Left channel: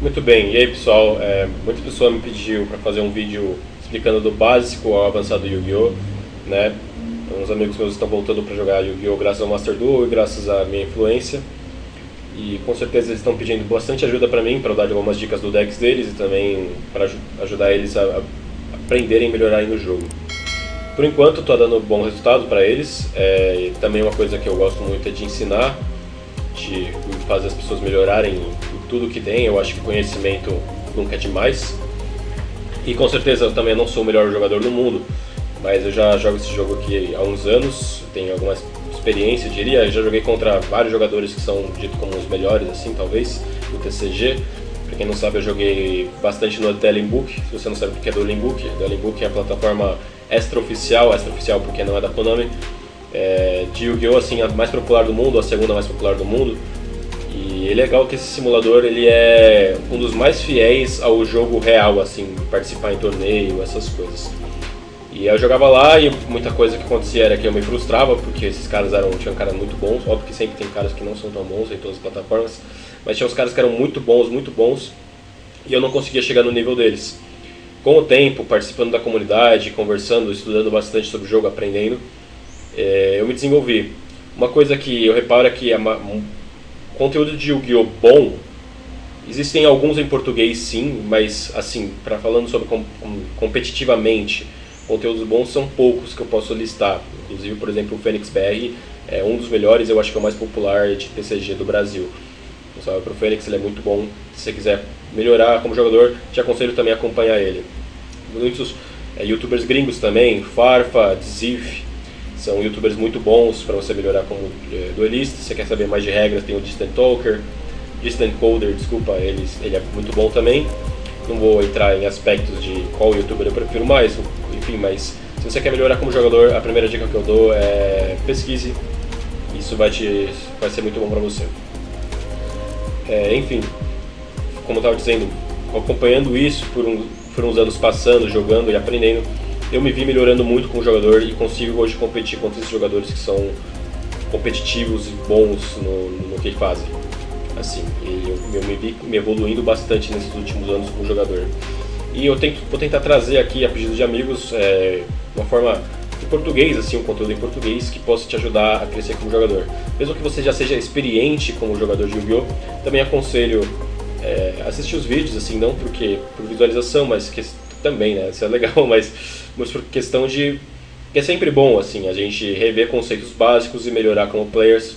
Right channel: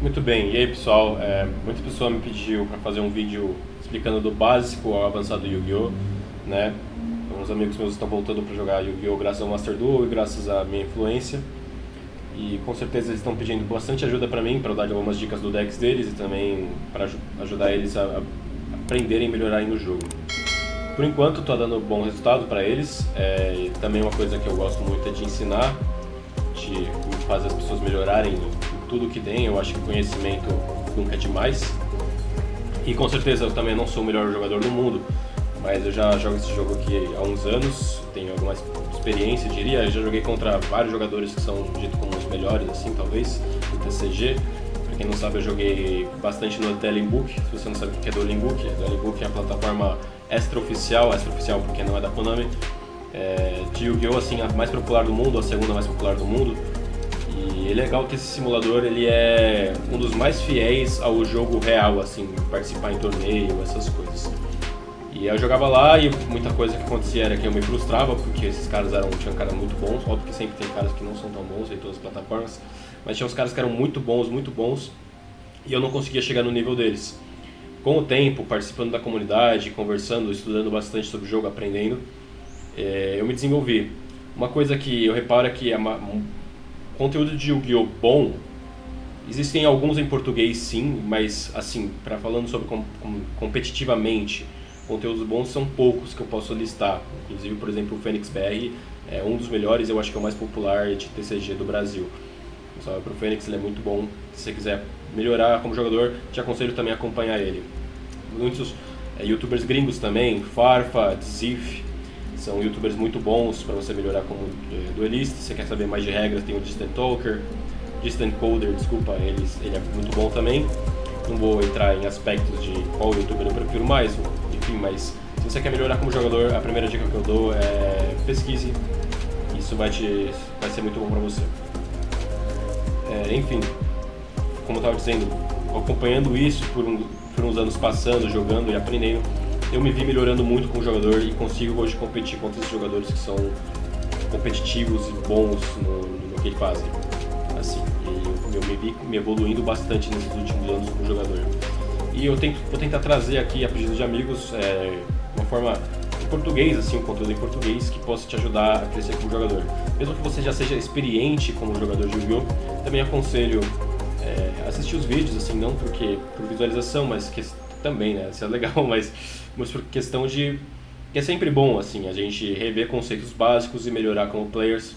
Muito bem, e aí pessoal, muita pessoa me pediu para fazer um vídeo explicando do básico ao avançado do Yu-Gi-Oh! Né? Uns amigos meus estão voltando para jogar Yu-Gi-Oh! Graças ao Master Duel e graças à minha influência. E com certeza eles estão pedindo bastante ajuda para mim, para eu dar algumas dicas do decks deles e também para ajudar eles a aprenderem e melhorarem no jogo. Por enquanto está dando bom resultado para eles, e também uma coisa que eu gosto muito é de ensinar, de fazer as pessoas melhorarem em tudo que tem. Eu acho que conhecimento nunca é demais. E com certeza eu também não sou o melhor jogador do mundo, mas eu já jogo esse jogo aqui há uns anos, tenho alguma experiência, eu diria. Eu já joguei contra vários jogadores que são ditos como os melhores, assim, talvez, do TCG. Pra quem não sabe, eu joguei bastante no Dueling Book. Se você não sabe o que é Dueling Book é a plataforma extra-oficial porque não é da Konami, de Yu-Gi-Oh! Assim, a mais popular do mundo, a segunda mais popular do mundo. E é legal que esse simulador ele é um dos mais fiéis ao jogo real, assim, participar em torneio, essas coisas. E eu jogava lá e muita coisa que acontecia era que eu me frustrava, porque esses caras tinham caras muito bons. Óbvio que sempre tem caras que não são tão bons em todas as plataformas, mas tinha uns caras que eram muito bons, e eu não conseguia chegar no nível deles. Com o tempo, participando da comunidade, conversando, estudando bastante sobre o jogo, aprendendo, eu me desenvolvi. Uma coisa que eu reparo é que conteúdo de Yu-Gi-Oh! Bom, existem alguns em português sim, mas assim, falando sobre competitivamente, conteúdos bons são poucos que eu posso listar. Inclusive, por exemplo, o Fênix BR é um dos melhores, eu acho que é o mais popular de TCG do Brasil. Um salve pro Fênix, ele é muito bom. Se você quiser melhorar como jogador, te aconselho também a acompanhar ele. Muitos youtubers gringos também, Farfa, Zif, são youtubers muito bons para você melhorar como duelista. Se você quer saber mais de regras, tem o Distant Talker, Distant Coder, desculpa, ele é muito bom também. Não vou entrar em aspectos de qual youtuber eu prefiro mais, enfim, mas se você quer melhorar como jogador, a primeira dica que eu dou é pesquise. Isso vai ser muito bom para você. Enfim, como eu estava dizendo, acompanhando isso por uns anos passando, jogando e aprendendo, eu me vi melhorando muito como jogador e consigo hoje competir contra esses jogadores que são competitivos e bons no que fazem. Assim, eu me vi me evoluindo bastante nesses últimos anos como jogador. E vou tentar trazer aqui, a pedido de amigos, uma forma em português, assim, um conteúdo em português que possa te ajudar a crescer como jogador. Mesmo que você já seja experiente como jogador de Yu-Gi-Oh!, também aconselho assistir os vídeos, assim, não por visualização, mas também, né, isso é legal, mas por questão de que é sempre bom, assim, a gente rever conceitos básicos e melhorar como players,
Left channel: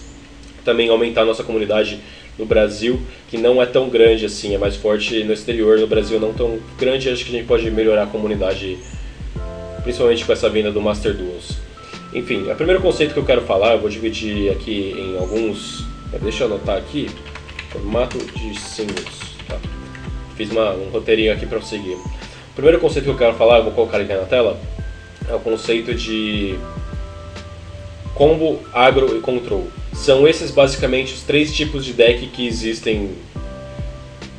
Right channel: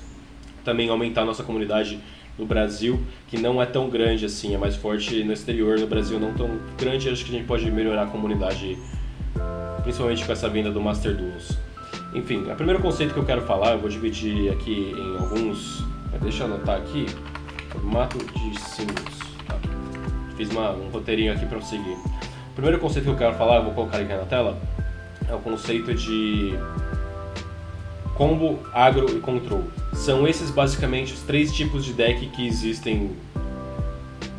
também aumentar a nossa comunidade no Brasil, que não é tão grande assim, é mais forte no exterior. No Brasil não tão grande, acho que a gente pode melhorar a comunidade, principalmente com essa vinda do Master Duels. Enfim, o primeiro conceito que eu quero falar, eu vou dividir aqui em alguns, deixa eu anotar aqui, formato de símbolos, tá? Fiz um roteirinho aqui para eu seguir. O primeiro conceito que eu quero falar, eu vou colocar aqui na tela, é o conceito de combo, agro e control. São esses basicamente os três tipos de deck que existem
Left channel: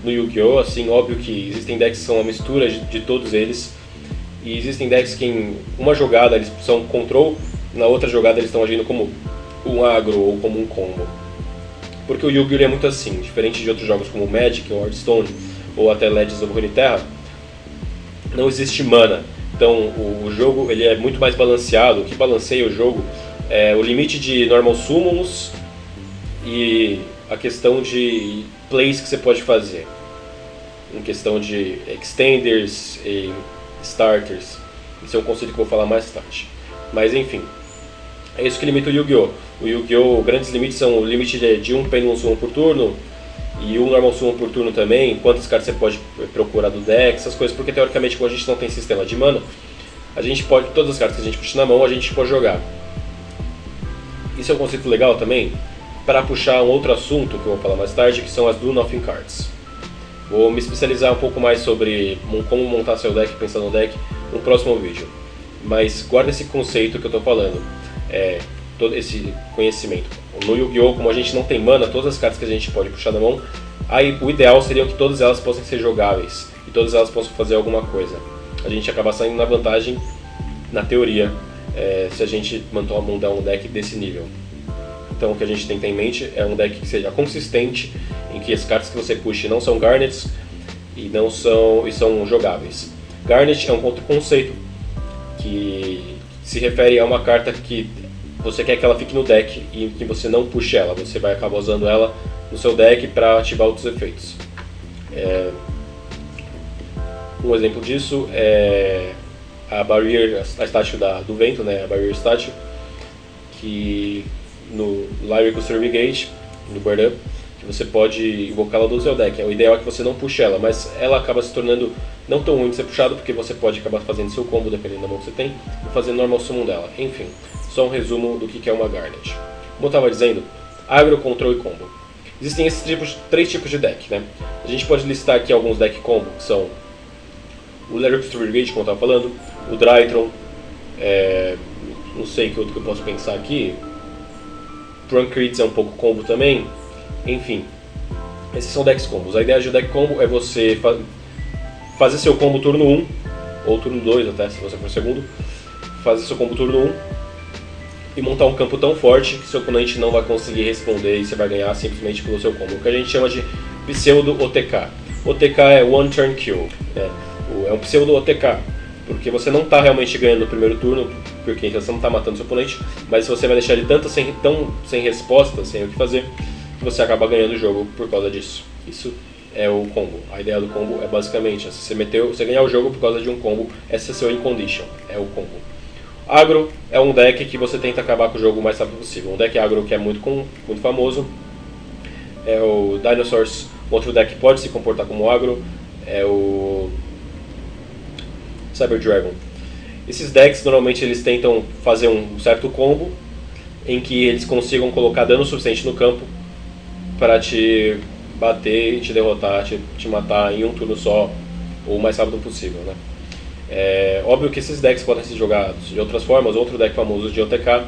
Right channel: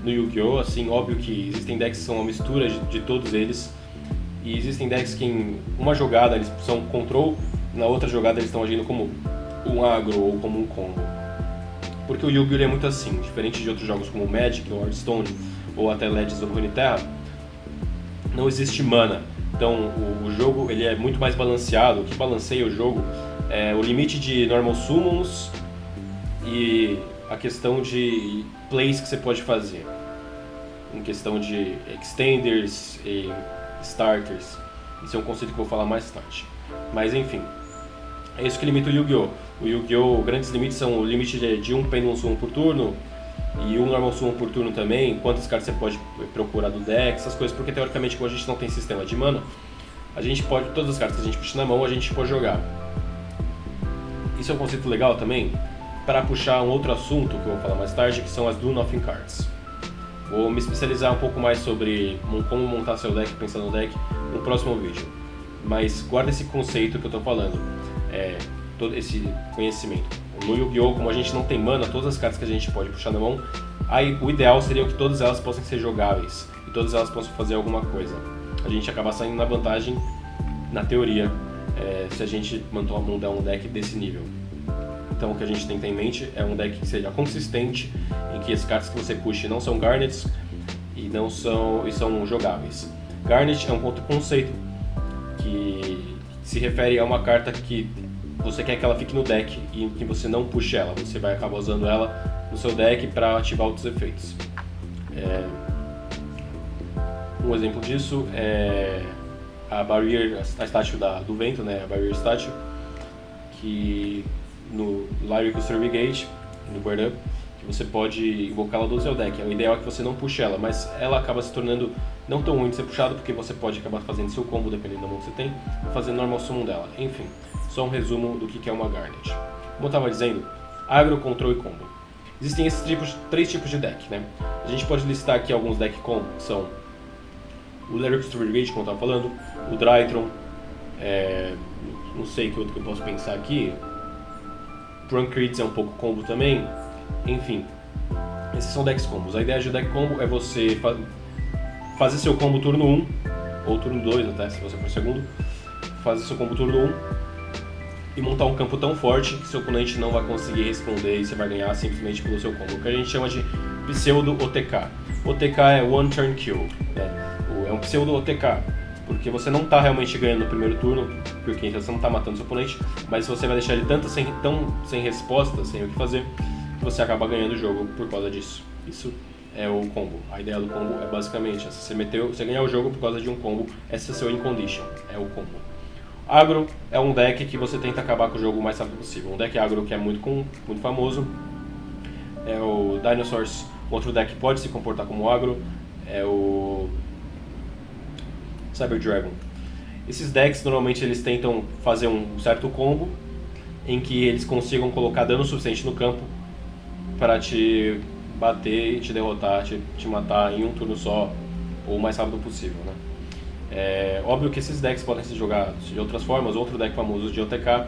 no Yu-Gi-Oh! Assim, óbvio que existem decks que são uma mistura de todos eles, e existem decks que em uma jogada eles são control, na outra jogada eles estão agindo como um agro ou como um combo. Porque o Yu-Gi-Oh! É muito assim, diferente de outros jogos como Magic ou Hearthstone ou até Legends of Runeterra, não existe mana. Então o jogo ele é muito mais balanceado. O que balanceia o jogo é o limite de normal summons e a questão de plays que você pode fazer, em questão de extenders e starters. Esse é um conceito que eu vou falar mais tarde. Mas enfim, é isso que limita o Yu-Gi-Oh! O Yu-Gi-Oh! Grandes limites são o limite de um Pendulum Summon por turno e um Normal Summon por turno também, quantas cartas você pode procurar do deck, essas coisas, porque teoricamente como a gente não tem sistema de mana, a gente pode, todas as cartas que a gente puxa na mão, a gente pode jogar. Isso é um conceito legal também para puxar um outro assunto que eu vou falar mais tarde, que são as Do Nothing Cards. Vou me especializar um pouco mais sobre como montar seu deck, pensar no deck, no próximo vídeo. Mas guarda esse conceito que eu estou falando, todo esse conhecimento. No Yu-Gi-Oh! Como a gente não tem mana, todas as cartas que a gente pode puxar na mão, aí o ideal seria que todas elas possam ser jogáveis e todas elas possam fazer alguma coisa. A gente acaba saindo na vantagem, na teoria, se a gente montar um deck desse nível. Então o que a gente tem que ter em mente é um deck que seja consistente, em que as cartas que você puxe não são Garnets e são jogáveis. Garnet é um outro conceito que se refere a uma carta que você quer que ela fique no deck e que você não puxe ela, você vai acabar usando ela no seu deck para ativar outros efeitos. Um exemplo disso é a Barrier, a estátua do vento, né? A Barrier Statue, que no Lyrical Survey no Bird Up, que você pode invocá-la do seu deck. O ideal é que você não puxe ela, mas ela acaba se tornando não tão ruim de ser puxado, porque você pode acabar fazendo seu combo, dependendo da mão que você tem, ou fazendo normal summon dela. Enfim, só um resumo do que é uma Garnet. Como eu estava dizendo, agro, control e combo. Existem esses três tipos de deck, né? A gente pode listar aqui alguns deck combo, que são o Lyrical Survey, como eu estava falando, o Drytron, não sei que outro que eu posso pensar aqui, Trunk Crits é um pouco combo também, enfim, esses são decks combos. A ideia de um deck combo é você fazer seu combo turno 1, ou turno 2 até, se você for segundo, fazer seu combo turno 1 e montar um campo tão forte que seu oponente não vai conseguir responder e você vai ganhar simplesmente pelo seu combo, o que a gente chama de pseudo OTK. OTK é One Turn Kill, né? É um pseudo OTK, porque você não está realmente ganhando no primeiro turno, porque você não está matando seu oponente, mas você vai deixar ele tão sem resposta, sem o que fazer, que você acaba ganhando o jogo por causa disso. Isso é o combo. A ideia do combo é basicamente essa. Você ganhar o jogo por causa de um combo, esse é seu in condition, é o combo. Agro é um deck que você tenta acabar com o jogo o mais rápido possível. Um deck agro que é muito famoso é o Dinosaurs. Outro deck que pode se comportar como agro é o Cyber Dragon. Esses decks normalmente eles tentam fazer um certo combo em que eles consigam colocar dano suficiente no campo para te bater, te derrotar, te matar em um turno só ou o mais rápido possível, né? É óbvio que esses decks podem ser jogados de outras formas. Outro deck famoso de OTK,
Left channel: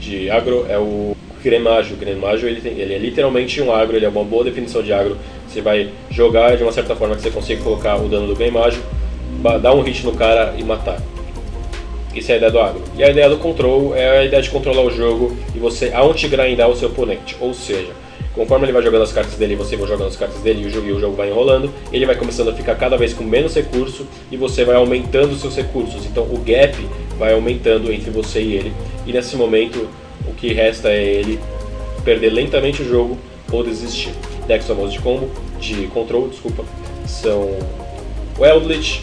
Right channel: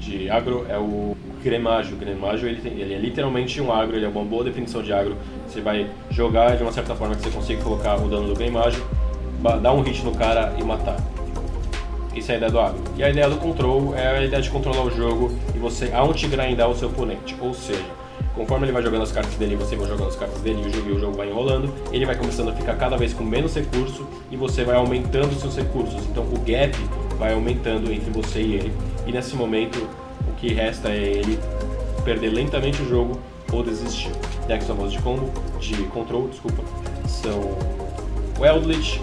de agro, é o Grenajo. O Grenajo ele é literalmente um agro, ele é uma boa definição de agro. Você vai jogar de uma certa forma que você consiga colocar o dano do Grenajo, dar um hit no cara e matar. Isso é a ideia do agro. E a ideia do control é a ideia de controlar o jogo e você out-grindar o seu oponente. Ou seja, conforme ele vai jogando as cartas dele e você vai jogando as cartas dele e o jogo vai enrolando, ele vai começando a ficar cada vez com menos recurso e você vai aumentando os seus recursos. Então o gap vai aumentando entre você e ele. E nesse momento o que resta é ele perder lentamente o jogo ou desistir. Decks famosos de control, são o Eldritch,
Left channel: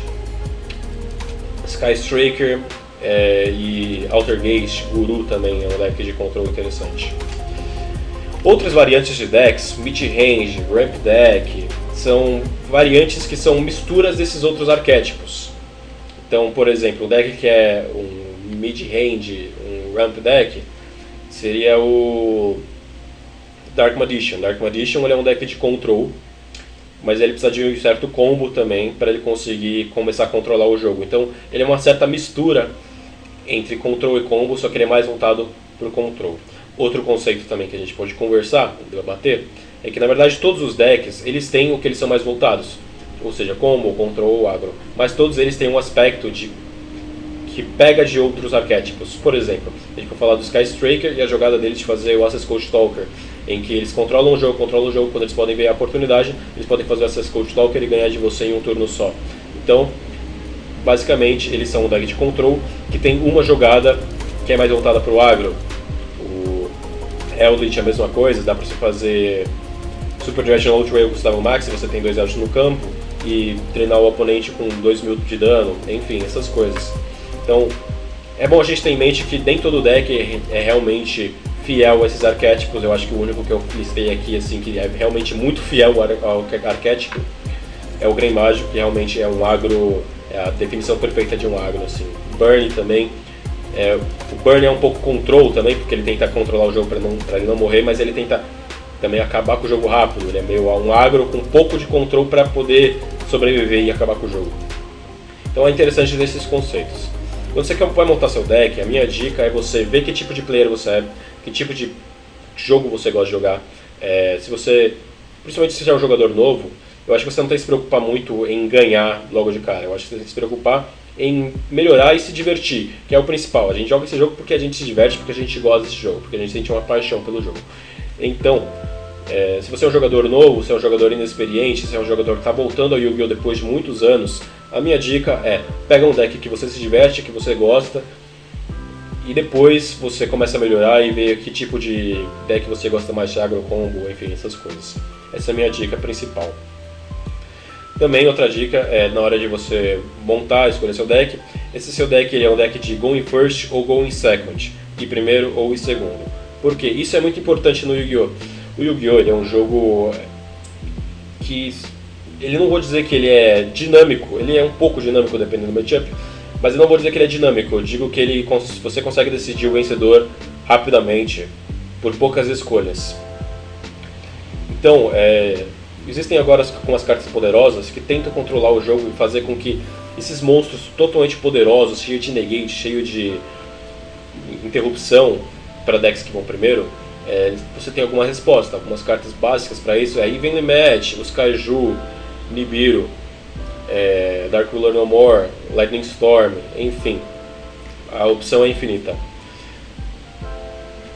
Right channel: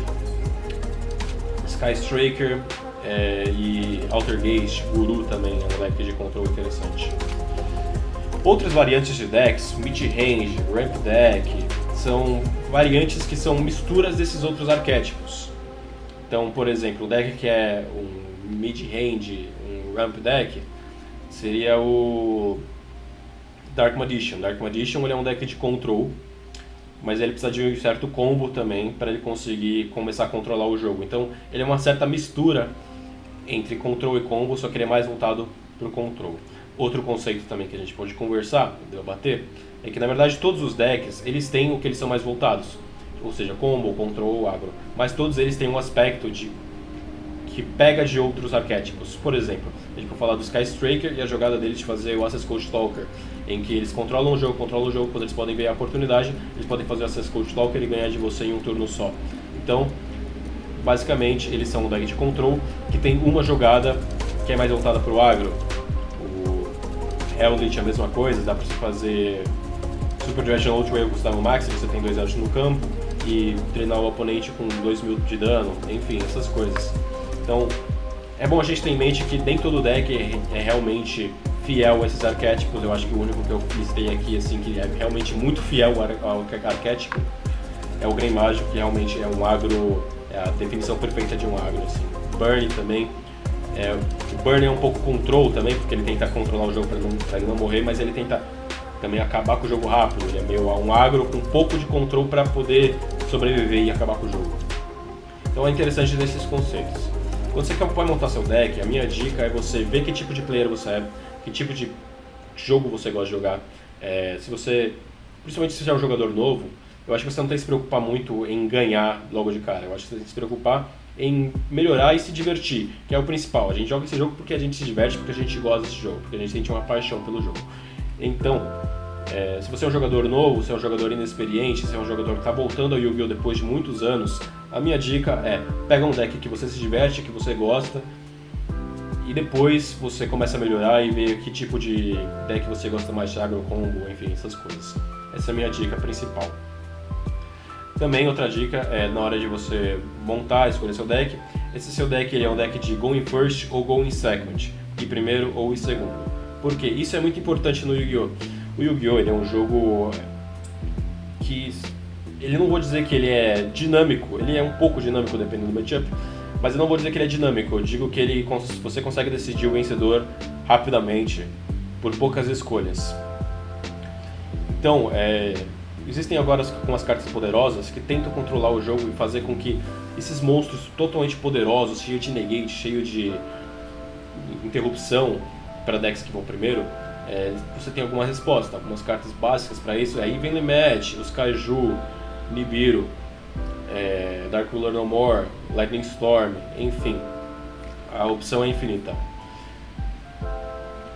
Sky Striker e Altergeist. Guru também é um deck de control interessante. Outras variantes de decks, Mid-Range, Ramp Deck, são variantes que são misturas desses outros arquétipos. Então, por exemplo, um deck que é um Mid-Range, um Ramp Deck, seria o Dark Magician. Dark Magician ele é um deck de control, mas ele precisa de um certo combo também para ele conseguir começar a controlar o jogo. Então, ele é uma certa mistura entre control e combo, só que ele é mais voltado para o control. Outro conceito também que a gente pode conversar, debater, é que na verdade todos os decks eles têm o que eles são mais voltados, ou seja, combo, control, agro, mas todos eles têm um aspecto que pega de outros arquétipos. Por exemplo, a gente pode falar do Sky Striker e a jogada deles de fazer o Access Code Stalker, em que eles controlam o jogo, quando eles podem ver a oportunidade, eles podem fazer o Access Code Stalker e ganhar de você em um turno só. Então, basicamente, eles são um deck de control que tem uma jogada que é mais voltada para o agro. Eldritch é a mesma coisa, dá pra você fazer Super Directional Ultra com Stable Max, você tem 2 Eldritch no campo e treinar o oponente com 2.000 de dano, enfim, essas coisas. Então, é bom a gente ter em mente que nem todo deck é realmente fiel a esses arquétipos. Eu acho que o único que eu listei aqui, assim, que é realmente muito fiel ao arquétipo é o Grenajo, que realmente é um agro, é a definição perfeita de um agro, assim. Burn também. O Burn é um pouco control também, porque ele tenta controlar o jogo para ele não morrer, mas ele tenta também acabar com o jogo rápido. Ele é meio um agro com um pouco de control para poder sobreviver e acabar com o jogo. Então é interessante desses conceitos. Quando você vai montar seu deck, a minha dica é você ver que tipo de player você é, que tipo de jogo você gosta de jogar. Principalmente se você é um jogador novo, eu acho que você não tem que se preocupar muito em ganhar logo de cara. Eu acho que você tem que se preocupar em melhorar e se divertir, que é o principal. A gente joga esse jogo porque a gente se diverte, porque a gente gosta desse jogo, porque a gente sente uma paixão pelo jogo. Então, se você é um jogador novo, se é um jogador inexperiente, se é um jogador que está voltando ao Yu-Gi-Oh! Depois de muitos anos, a minha dica é: pega um deck que você se diverte, que você gosta, e depois você começa a melhorar e ver que tipo de deck você gosta mais de agro, combo, enfim, essas coisas. Essa é a minha dica principal. Também outra dica é na hora de você montar, escolher seu deck. Esse seu deck ele é um deck de Go in First ou Go in Second, de primeiro ou em segundo. Por quê? Isso é muito importante no Yu-Gi-Oh! O Yu-Gi-Oh! Ele é um jogo que, ele não vou dizer que ele é dinâmico, ele é um pouco dinâmico dependendo do matchup, mas eu não vou dizer que ele é dinâmico, eu digo que você consegue decidir o vencedor rapidamente, por poucas escolhas. Então, existem agora algumas cartas poderosas que tentam controlar o jogo e fazer com que esses monstros totalmente poderosos, cheios de negate, cheios de interrupção para decks que vão primeiro, você tem alguma resposta. Algumas cartas básicas para isso é Evenly Match, os Kaiju, Nibiru, Dark Ruler No More, Lightning Storm, enfim, a opção é infinita.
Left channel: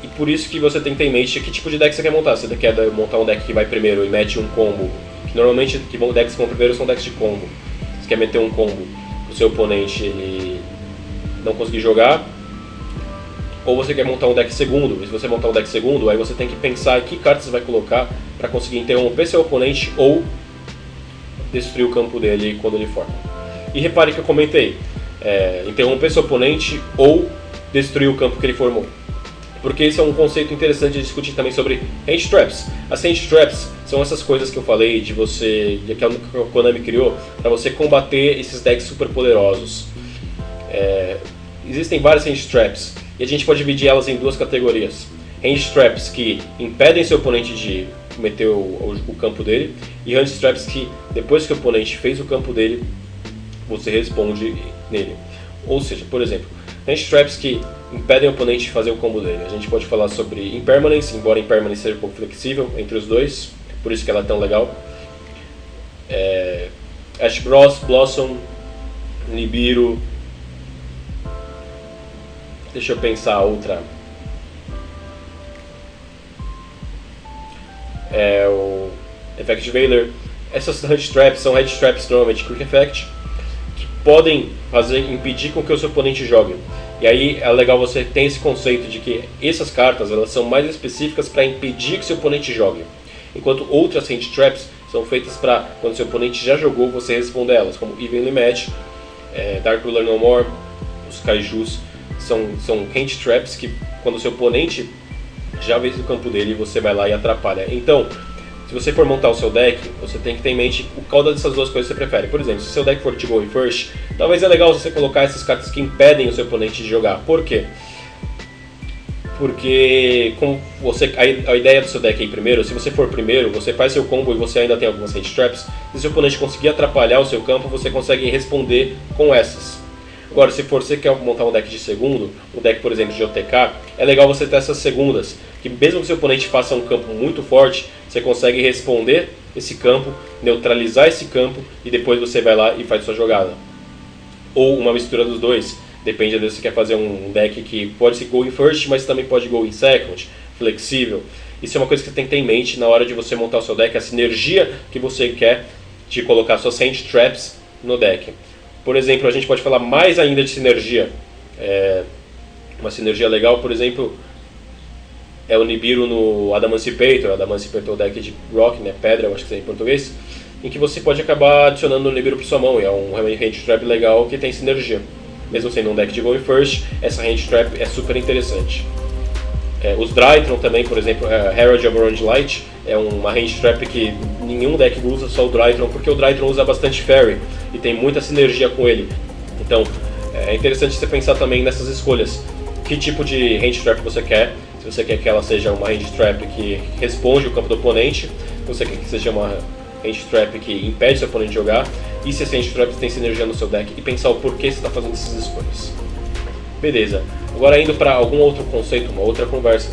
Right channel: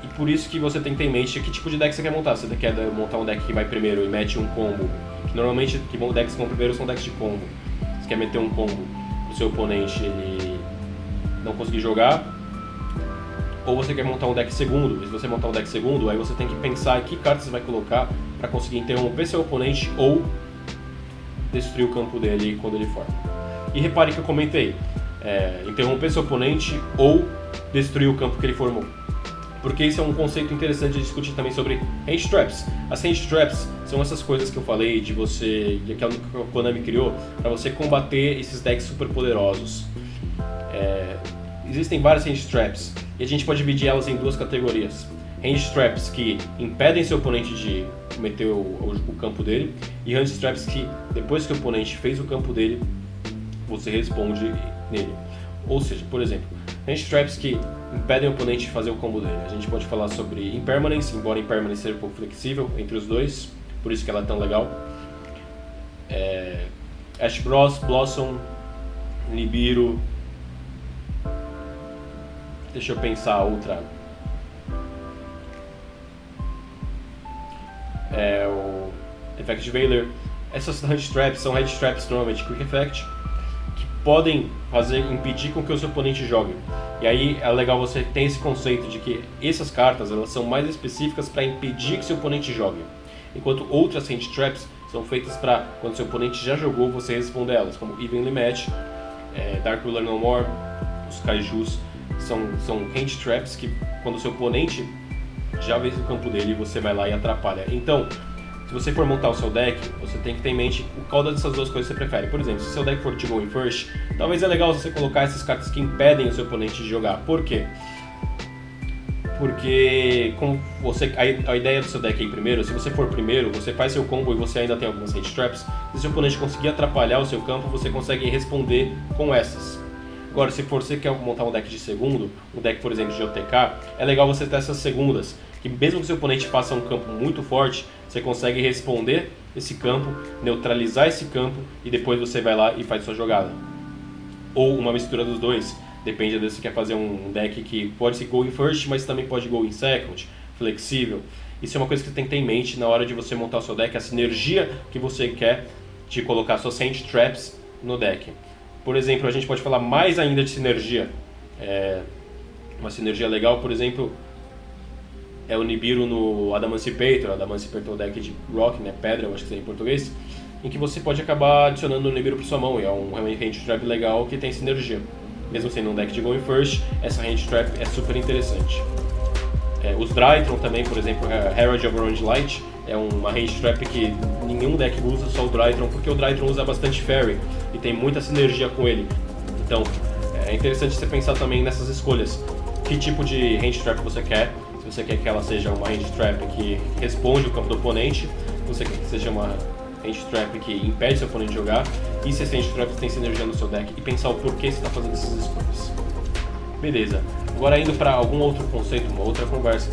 E por isso que você tem que ter em mente que tipo de deck você quer montar. Se você quer montar um deck que vai primeiro e mete um combo, que normalmente decks que vão primeiro são decks de combo. Você quer meter um combo pro seu oponente ele não conseguir jogar, ou você quer montar um deck segundo. E se você montar um deck segundo, aí você tem que pensar em que cartas você vai colocar para conseguir interromper seu oponente ou destruir o campo dele quando ele for. E repare que eu comentei, interromper seu oponente ou destruir o campo que ele formou. Porque esse é um conceito interessante de discutir também sobre Hand Traps. As Hand Traps são essas coisas que eu falei que a Konami criou para você combater esses decks super poderosos. Existem várias Hand Traps e a gente pode dividir elas em duas categorias. Hand Traps que impedem seu oponente de meter o campo dele, e Hand Traps que depois que o oponente fez o campo dele, você responde nele. Ou seja, por exemplo, Hand Traps que impedem o oponente de fazer o combo dele. A gente pode falar sobre Impermanence, embora Impermanence seja um pouco flexível entre os dois, por isso que ela é tão legal. Ash Blossom, Nibiru. Deixa eu pensar outra. O Effect Veiler. Essas Hand Traps são Hand Traps normalmente Quick Effect, que podem impedir com que o seu oponente jogue. E aí é legal você ter esse conceito de que essas cartas elas são mais específicas para impedir que seu oponente jogue, enquanto outras Hand Traps são feitas para quando seu oponente já jogou você responder elas, como Evenly Match, Dark Ruler No More, os Kaijus. São Hand Traps que quando o seu oponente já fez o campo dele, você vai lá e atrapalha. Então, se você for montar o seu deck, você tem que ter em mente qual dessas duas coisas você prefere. Por exemplo, se o seu deck for de Go in First, talvez é legal você colocar essas cartas que impedem o seu oponente de jogar. Por quê? Porque a ideia do seu deck é ir primeiro. Se você for primeiro, você faz seu combo e você ainda tem algumas Hand Traps. Se o seu oponente conseguir atrapalhar o seu campo, você consegue responder com essas. Agora, se você quer montar um deck de segundo, um deck, por exemplo, de OTK, é legal você ter essas segundas, que mesmo que seu oponente faça um campo muito forte, você consegue responder esse campo, neutralizar esse campo e depois você vai lá e faz sua jogada. Ou uma mistura dos dois, depende se você quer fazer um deck que pode ser Go in First, mas também pode Go in Second, flexível. Isso é uma coisa que você tem que ter em mente na hora de você montar o seu deck, a sinergia que você quer de colocar suas Hand Traps no deck. Por exemplo, a gente pode falar mais ainda de sinergia. Uma sinergia legal, por exemplo, é o Nibiru no Adamancipator. O Adamancipator é o deck de Rock, né, pedra, eu acho que é em português, em que você pode acabar adicionando o Nibiru para sua mão, e é um Hand Trap legal que tem sinergia. Mesmo sendo um deck de Going First, essa Hand Trap é super interessante. Os Drytron também, por exemplo, Herald of Orange Light é uma Hand Trap que nenhum deck usa, só o Drytron, porque o Drytron usa bastante Fairy e tem muita sinergia com ele. Então é interessante você pensar também nessas escolhas. Que tipo de Hand Trap você quer? Se você quer que ela seja uma Hand Trap que responde o campo do oponente, se você quer que seja uma Hand Trap que impede seu oponente de jogar, e se esse Hand Trap tem sinergia no seu deck, e pensar o porquê você está fazendo essas escolhas. Beleza, agora indo para algum outro conceito, uma outra conversa.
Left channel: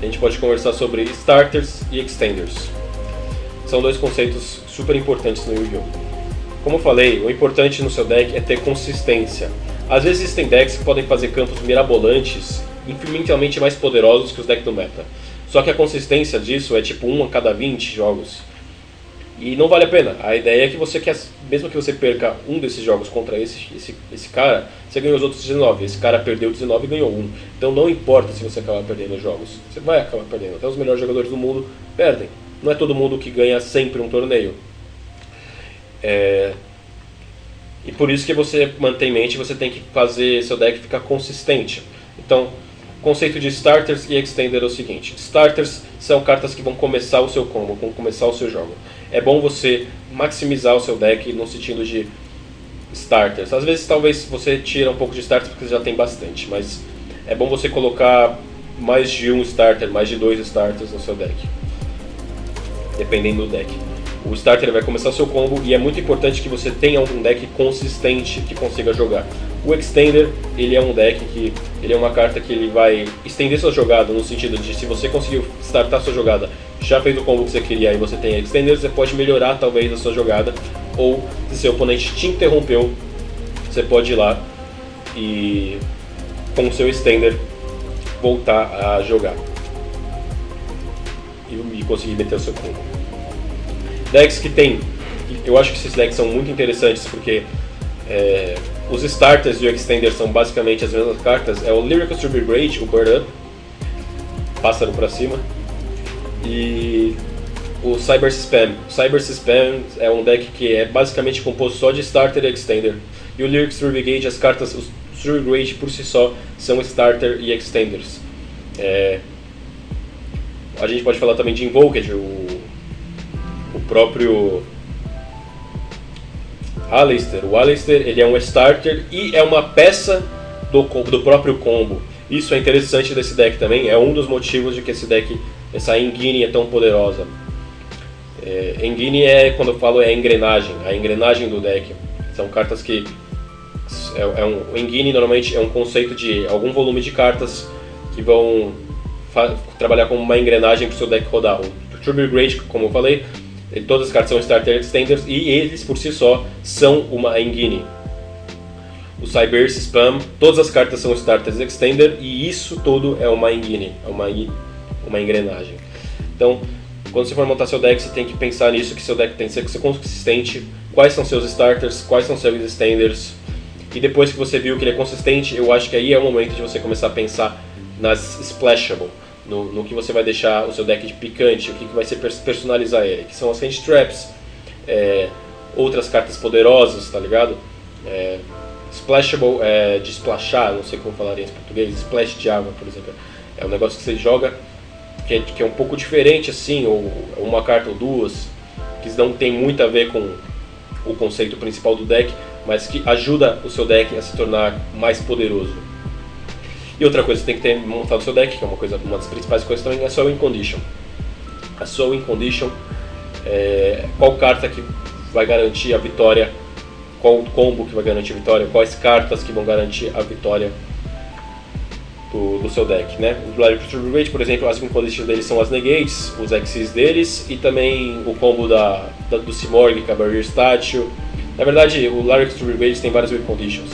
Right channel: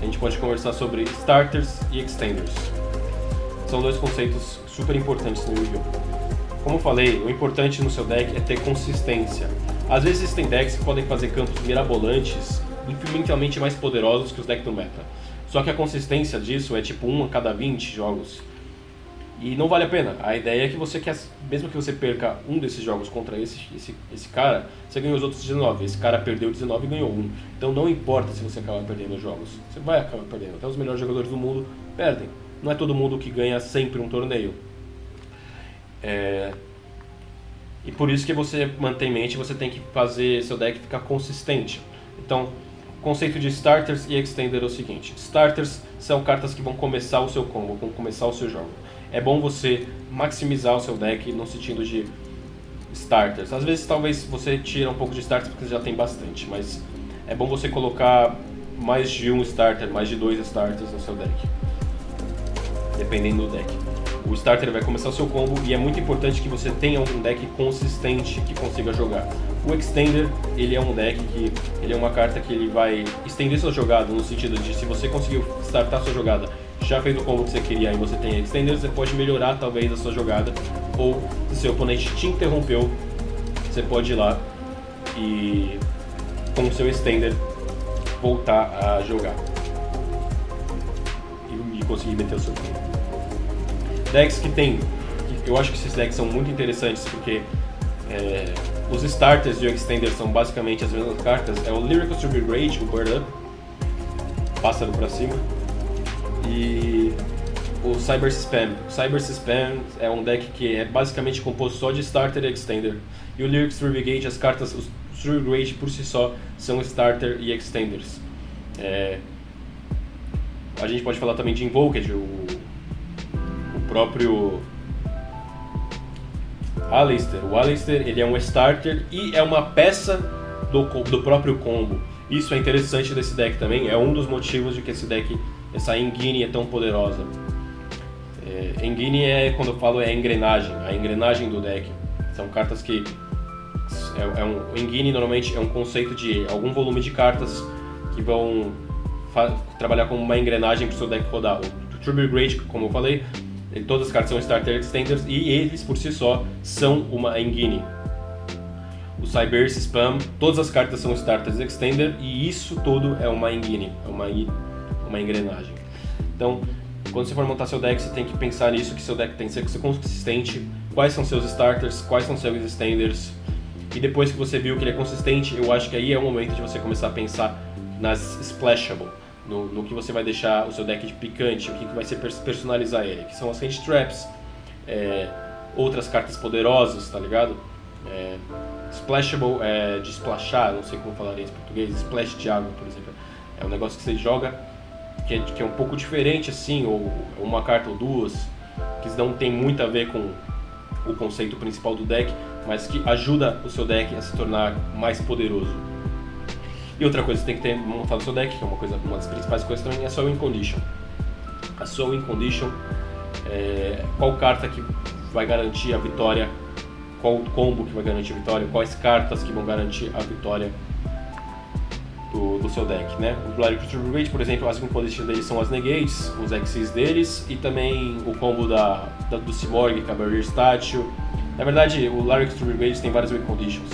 A gente pode conversar sobre Starters e Extenders. são dois conceitos super importantes no Yu-Gi-Oh! Como eu falei, o importante no seu deck é ter consistência. Às vezes existem decks que podem fazer campos mirabolantes infinitamente mais poderosos que os decks do meta. Só que a consistência disso é tipo 1 a cada 20 jogos. E não vale a pena. A ideia é que você quer, mesmo que você perca um desses jogos contra esse cara, você ganhou os outros 19. Esse cara perdeu 19 e ganhou um. Então não importa se você acabar perdendo os jogos. Você vai acabar perdendo. Até os melhores jogadores do mundo perdem. Não é todo mundo que ganha sempre um torneio. E por isso que você mantém em mente, você tem que fazer seu deck ficar consistente. Então, o conceito de Starters e Extender é o seguinte. Starters são cartas que vão começar o seu combo, vão começar o seu jogo. É bom você maximizar o seu deck no sentido de Starters. Às vezes, talvez você tira um pouco de Starters porque você já tem bastante, mas é bom você colocar mais de um Starter, mais de 2 Starters no seu deck, dependendo do deck. O Starter vai começar o seu combo e é muito importante que você tenha um deck consistente que consiga jogar. O Extender, ele é um deck que ele é uma carta que ele vai estender sua jogada, no sentido de se você conseguiu startar sua jogada, já fez o combo que você queria e você tem Extender, você pode melhorar talvez a sua jogada, ou se seu oponente te interrompeu, você pode ir lá e com o seu Extender voltar a jogar e conseguir meter o seu combo. Decks que tem, eu acho que esses decks são muito interessantes porque os Starters e o Extender são basicamente as mesmas cartas. É o Lyrical Tribute Rage, o Bird Up, pássaro pra cima, e o Cyber Spam. O Cyber Spam é um deck que é basicamente composto só de Starter e Extender. E o Lyrical Tribute Rage, as cartas, os Tribute Rage por si só são Starter e Extenders. A gente pode falar também de Invoked, o próprio Aleister. O Aleister, ele é um starter e é uma peça do próprio combo. Isso é interessante desse deck também, é um dos motivos de que esse deck, essa Engine é tão poderosa. Engine quando eu falo, é a engrenagem do deck. São cartas que... o Engine normalmente é um conceito de algum volume de cartas que vão trabalhar como uma engrenagem para o seu deck rodar. O Tribute Rage, como eu falei, todas as cartas são Starter Extenders e eles por si só são uma Engine. O Cyber Spam, todas as cartas são Starters Extender e isso tudo é uma Engine, é uma engrenagem. Então, quando você for montar seu deck, você tem que pensar nisso, que seu deck tem que ser consistente, quais são seus Starters, quais são seus Extenders. E depois que você viu que ele é consistente, eu acho que aí é o momento de você começar a pensar nas Splashable. No que você vai deixar o seu deck de picante, o que vai ser personalizar ele, que são as Hand Traps, outras cartas poderosas, tá ligado? Splashable de splashar, não sei como falaria em português, splash de água, por exemplo. É um negócio que você joga que é um pouco diferente assim, ou uma carta ou duas, que não tem muito a ver com o conceito principal do deck, mas que ajuda o seu deck a se tornar mais poderoso. E outra coisa que você tem que ter montado o seu deck, que é uma das principais coisas também, é a sua Win Condition. A sua Win Condition é qual carta que vai garantir a vitória, qual combo que vai garantir a vitória, quais cartas que vão garantir a vitória do seu deck, né? O Lyrical Tribute Rage, por exemplo, as Win Conditions deles são as Negates, os Xyz deles, e também o combo do Simorgh, que é a Barrier Statue. Na verdade, o Lyrical Tribute Rage tem várias Win Conditions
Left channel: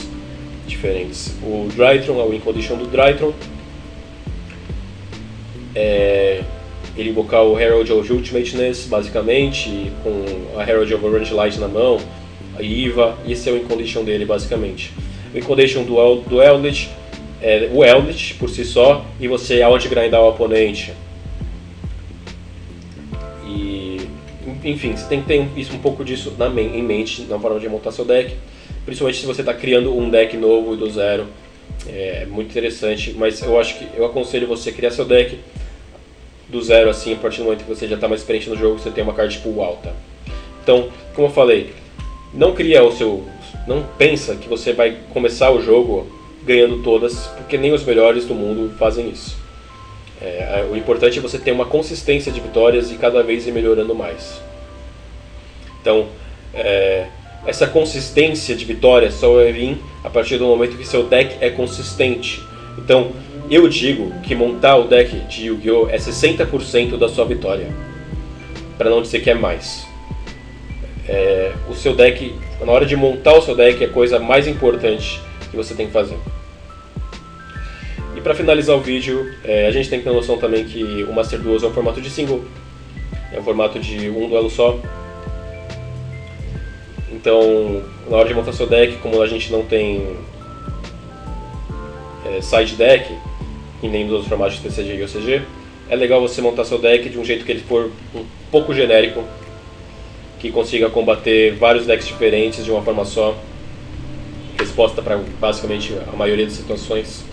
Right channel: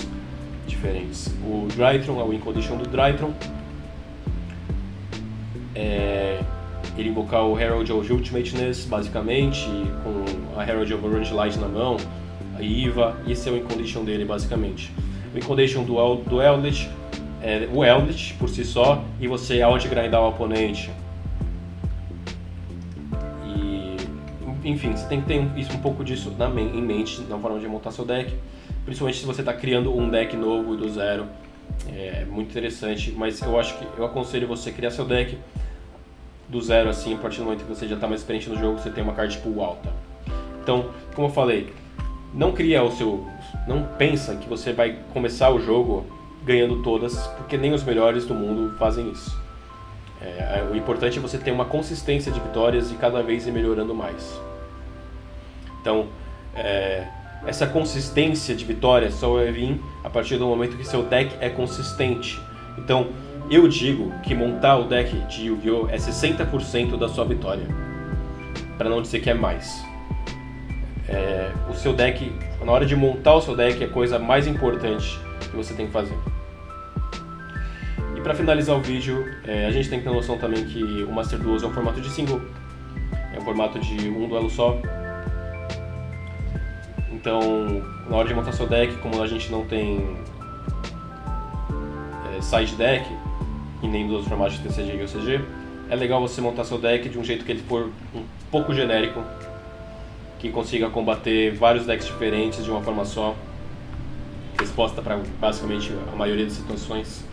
diferentes. O Drytron, a Win Condition do Drytron, ele invocar o Herald of Ultimateness, basicamente, com a Herald of Orange Light na mão, a Iva, esse é o Win Condition dele, basicamente. O Win Condition do Eldritch é o Eldritch por si só, e você out-grindar o oponente. E, enfim, você tem que ter um pouco disso em mente na forma de montar seu deck. Principalmente se você está criando um deck novo e do zero, é muito interessante, mas eu aconselho você criar seu deck do zero assim, a partir do momento que você já está mais experiente no jogo, você tem uma card pool alta. Então, como eu falei, não pensa que você vai começar o jogo ganhando todas, porque nem os melhores do mundo fazem isso. O importante é você ter uma consistência de vitórias e cada vez ir melhorando mais. Então, essa consistência de vitória só vai vir a partir do momento que seu deck é consistente. Então, eu digo que montar o deck de Yu-Gi-Oh! É 60% da sua vitória. para não dizer que é mais. O seu deck, na hora de montar o seu deck, é a coisa mais importante que você tem que fazer. E para finalizar o vídeo, a gente tem que ter noção também que o Master Duels é um formato de single, é um formato de um duelo só. Então, na hora de montar seu deck, como a gente não tem side deck, que nem nos outros formatos de TCG e OCG, é legal você montar seu deck de um jeito que ele for um pouco genérico, que consiga combater vários decks diferentes de uma forma só, resposta para basicamente a maioria das situações,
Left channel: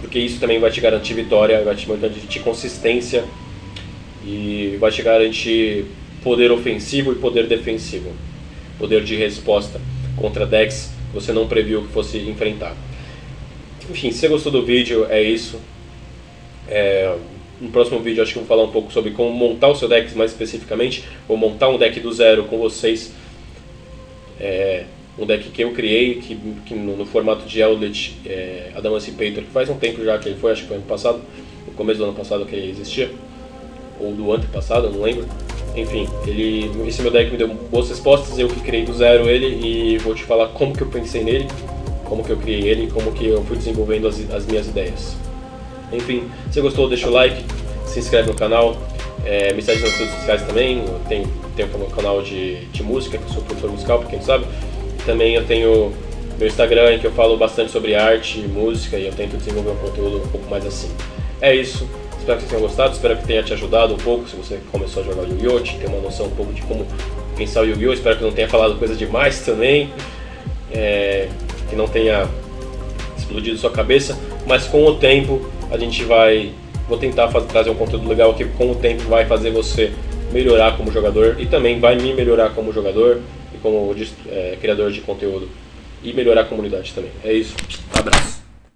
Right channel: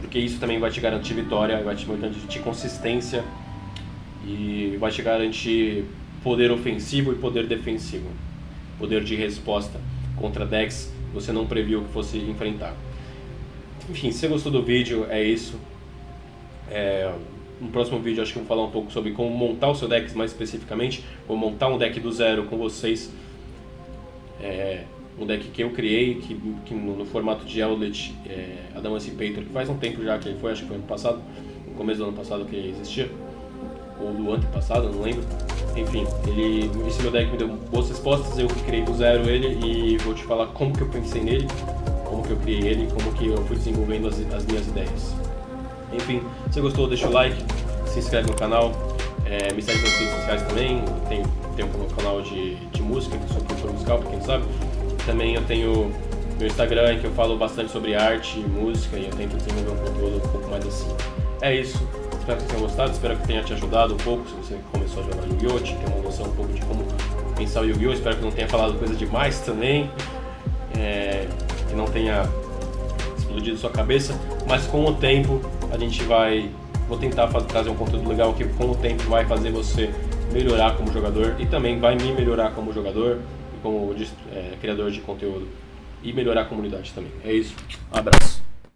porque isso também vai te garantir vitória, vai te garantir consistência e vai te garantir poder ofensivo e poder defensivo, poder de resposta contra decks que você não previu que fosse enfrentar. Enfim, se você gostou do vídeo, é isso. No próximo vídeo acho que eu vou falar um pouco sobre como montar o seu deck mais especificamente. Vou montar um deck do zero com vocês. Um deck que eu criei, que no formato de Eldritch Adamantipator, que faz um tempo já que ele foi, acho que foi ano passado, no começo do ano passado que ele existia, ou do antepassado, eu não lembro. Enfim, esse meu deck me deu boas respostas, eu criei do zero ele e vou te falar como que eu pensei nele, como que eu criei ele, como que eu fui desenvolvendo as minhas ideias. Enfim, se você gostou, deixa o like, se inscreve no canal, me segue nas redes sociais também, tem um canal de música, que eu sou produtor musical, pra quem não sabe. Também eu tenho meu Instagram, em que eu falo bastante sobre arte e música, e eu tento desenvolver um conteúdo um pouco mais assim. É isso, espero que vocês tenham gostado, espero que tenha te ajudado um pouco, se você começou a jogar Yu-Gi-Oh!, ter uma noção um pouco de como pensar o Yu-Gi-Oh!, espero que não tenha falado coisa demais também, que não tenha explodido sua cabeça, mas com o tempo a gente vou tentar trazer um conteúdo legal que com o tempo vai fazer você melhorar como jogador e também vai me melhorar como jogador e como criador de conteúdo e melhorar a comunidade também. É isso, um abraço.